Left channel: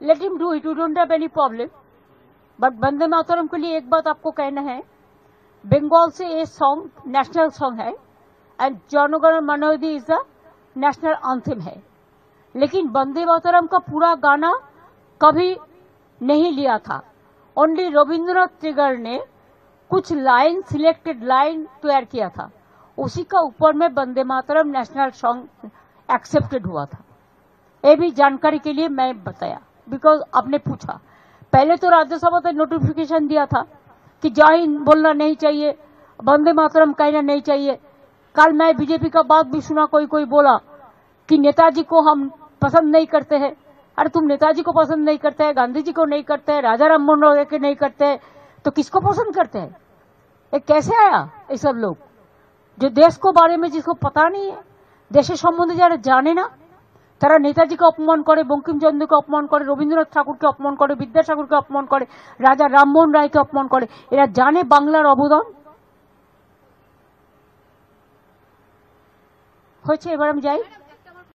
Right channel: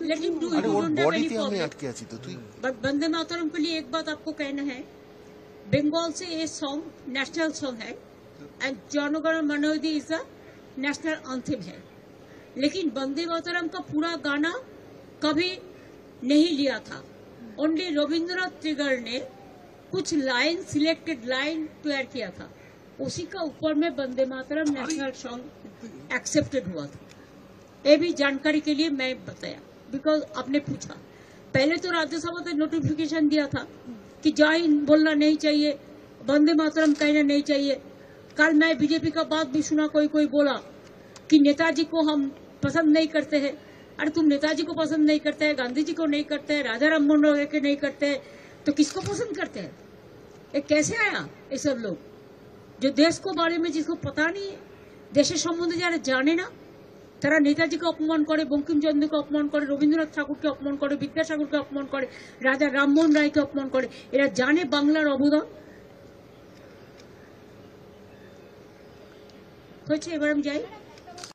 Let him do it. You don't have any problem. But Vande Mataram के लिए एक बात आपको कहना है, बंगाल से ये सॉन्ग नेशनल सॉन्ग है एंड जनगण मन अधि इज द नेशनल एंथम है, लेकिन वंदे मातरम का पूरा गाना कभी नहीं लिया था। ओनली रविंद्रनाथ टैगोर ने कुछ लाइन, सिलेक्टेड लाइन तैयार किया था, उसी का ऊपर में Vande Mataram national song accepted हुआ था। ये भी जानकारी के लिए मैं बताया, बिकॉज आपने पूछा। पहले तो राज्यसभा ने नोटिफिकेशन दिया था कि जय हिंद बोलना नहीं चाहिए, वंदे मातरम कहना नहीं चाहिए। कल मैं बीजेपी का बात भी सुना, कोई कोई बोला कि नेताजी को हम पसंद नहीं करते हैं। अरे तुम नेताजी को पसंद नहीं करते हैं, गांधी जी को नहीं करते हैं, राजा राम मोहन राय के नहीं करते हैं, तो किसको पसंद करते हैं? ये कैसे आया ये सब लोग जो देश को बारे में जिसको पता नहीं है, देशेर सम्बन्धे যারা জানে না, তারা নেতাজিকে অপমান করে, বঙ্কিমচন্দ্রকে অপমান করে, রবীন্দ্রনাথ ঠাকুরকে অপমান করে, বিদ্যাসাগরকে অপমান করে, রাজা রামমোহন রায়কে অপমান করে। এরা জানে বাংলার অবদান হয়েছে। এবার আমি যাই।